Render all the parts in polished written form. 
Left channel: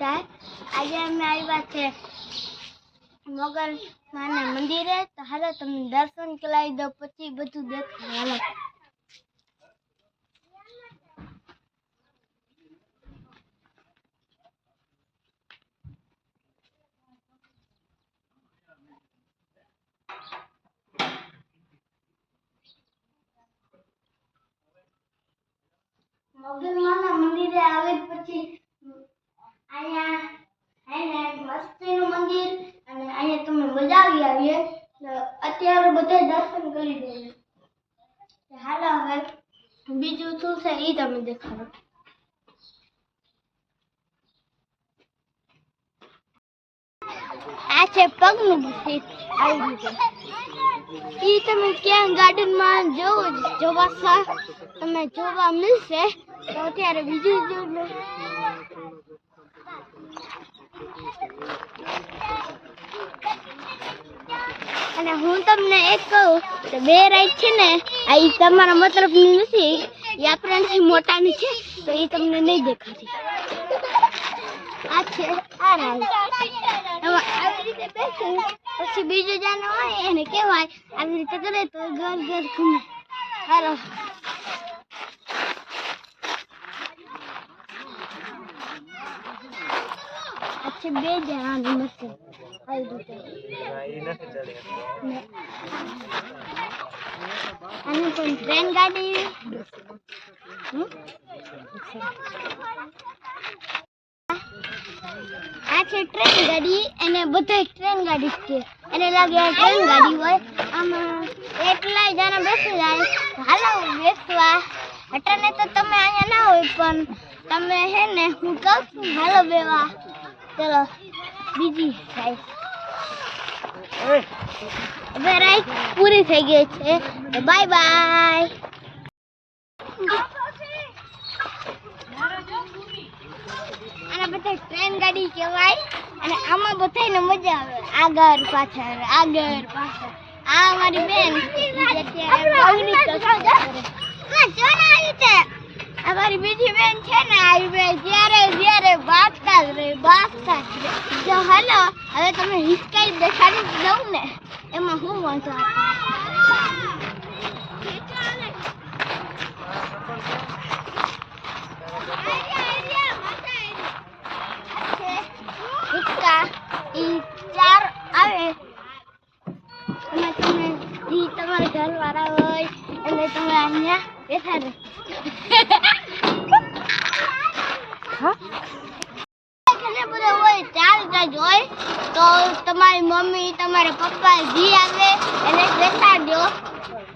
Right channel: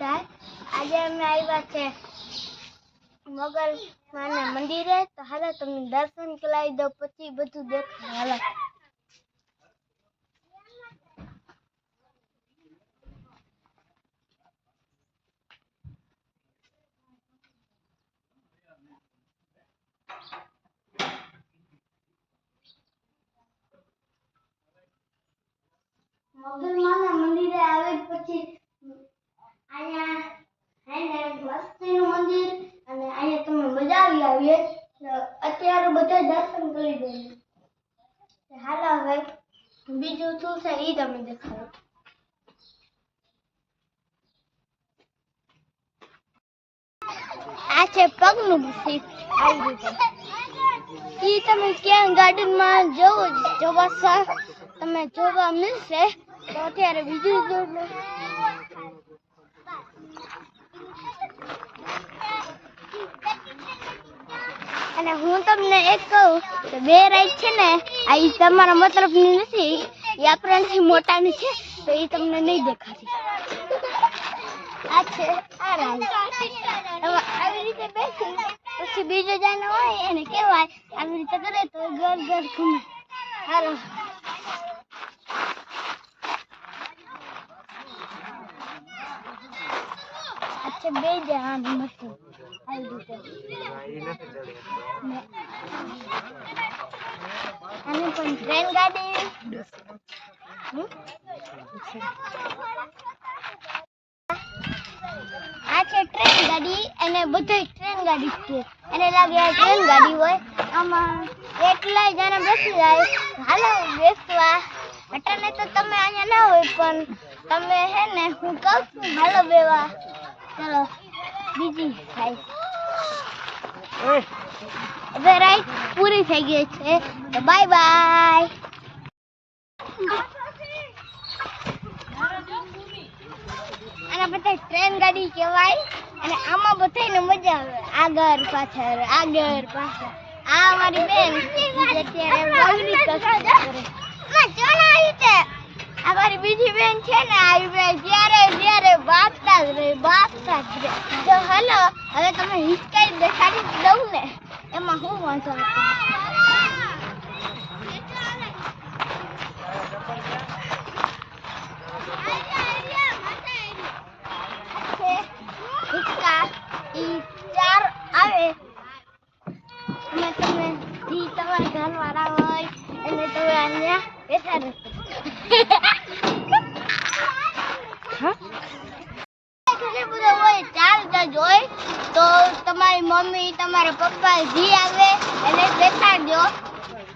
આજે અમે આવ્યા છે મોગલ માના મંદિરે, તો હાલો તમને દર્શન કરાવી દો, પછી બધું દેખાય. હાલો મોગલ માના મંદિરે આવે પછી અહીંયા મસ્તીનું મંદિર, અને અહીંયા તમને મજા આવી. અત્યારે બધા દર્શન કરી દઈએ. હાલો હવે બીજું શું છે એ તમે દેખાડો. આ છે પગનું બુફેટ. આવી રીતે ઈ તમે ક્યાં ગાર્ડનમાં જોવા તમે જોવા મળશે. તો અત્યારે બીજું જોઈ. અને હું તમને એક કહું કે બે રાઈડ છે ને, આ ઈ તમારા મતલબની નથી, એ આપણાથી મોટાની છે, તો એ તમને નહીં દેખાતી. આ છે આ રાઈડ. એમાં આવી રીતે બેસી પછી બીજો જાનો હોય એને કહેવાય, આવી રીતે કરે તો ઘર ઘર ઘૂમે. હાલો अच्छा બે જાન મસ્ત આવી રીતે અને પણ ટ્રેન ગાડી આ છે ટ્રેન ગાડી, અને બધું ટ્રેન ગાડી છે. એને લાગે ટ્રેન ગાડી હોય, આમાં એટલા જણા બેસી જાય. હાલો બેસવા અટાણે તો તમે અહીંયા ના હોય, પણ તમે હે ને હું કહું છું હાલો બેવા. ચલો બીજી રાઈડ. હવે રાઈડ પૂરી થઈ ગઈ છે, તો બાય બાય. આના બધા ટ્રેન ગાડી કહેવાય, અને આમાં બધાને મજા આવે. આગળ પાછળ આગળ પાછળ. આ અમારી બેન અત્યારે અમારી બીજી બેન છે ને, આવી બેન જ્યારે બાતતા જ રહે. તો હાલો હવે તમે હિચકાઈ દેખાડી દઉં ને, એમાં હું વાંધો હિચકા ઈ 4 આવે. એમાં તમે જી તમારા ઘરવાળા હોય એટલે તમે અહીંયા બેઠા રહેશો. હોય તો તમારી મમ્મી તમારા પપ્પા જી આવે એને દેખાડજો.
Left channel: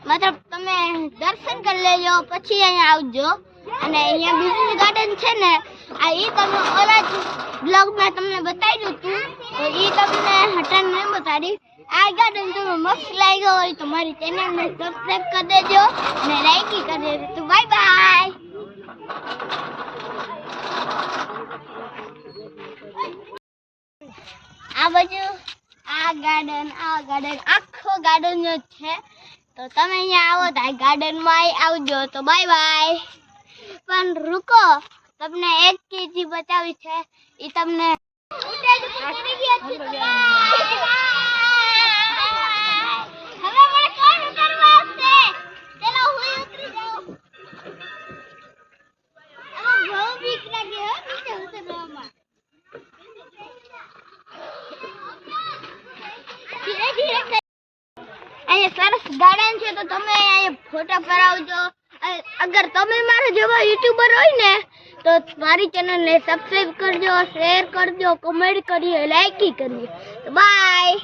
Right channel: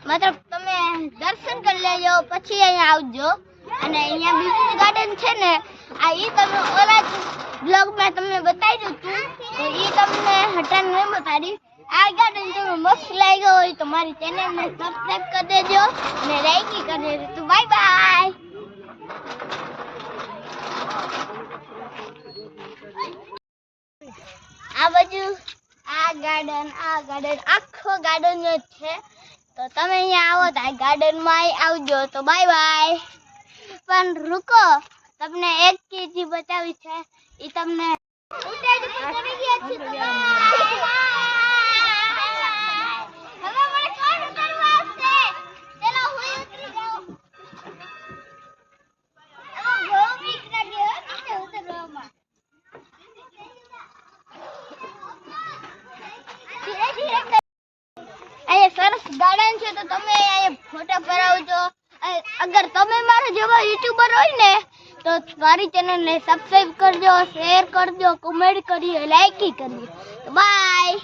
મતલબ તમે દર્શન કરી લેજો, પછી અહીંયા આવજો. અને અહીંયા બીજું ગાર્ડન છે ને, આ ઈ તમે ઓલા બ્લોગમાં તમને બતાવી દીધું, તો ઈ તમને હટાણ નહીં બતાડી. આ ગાર્ડન તમને મસ્ત લાગ્યો હોય તો મારી ચેનલને સબસ્ક્રાઇબ કરી દેજો અને લાઈક કરી દેજો. તો બાય બાય. આ બાજુ આ ગાર્ડન આખો ગાર્ડન જ છે. તો તમે અહીંયા આવો તો આ ગાર્ડનમાં આવજો. તો બાય બાય. પણ રૂકો, તમને એક ચીજ બતાવી છે, એ તમને સરસ ગાર્ડન છે, તો તમે અહીંયા ફોટા પડાવજો. અગર તમે મારા જેવા યુટ્યુબર હોય ને, તો મારી ચેનલને સબસ્ક્રાઇબ કરજો, શેર કરજો, કમેન્ટ કરજો, લાઈક કરજો. બાય.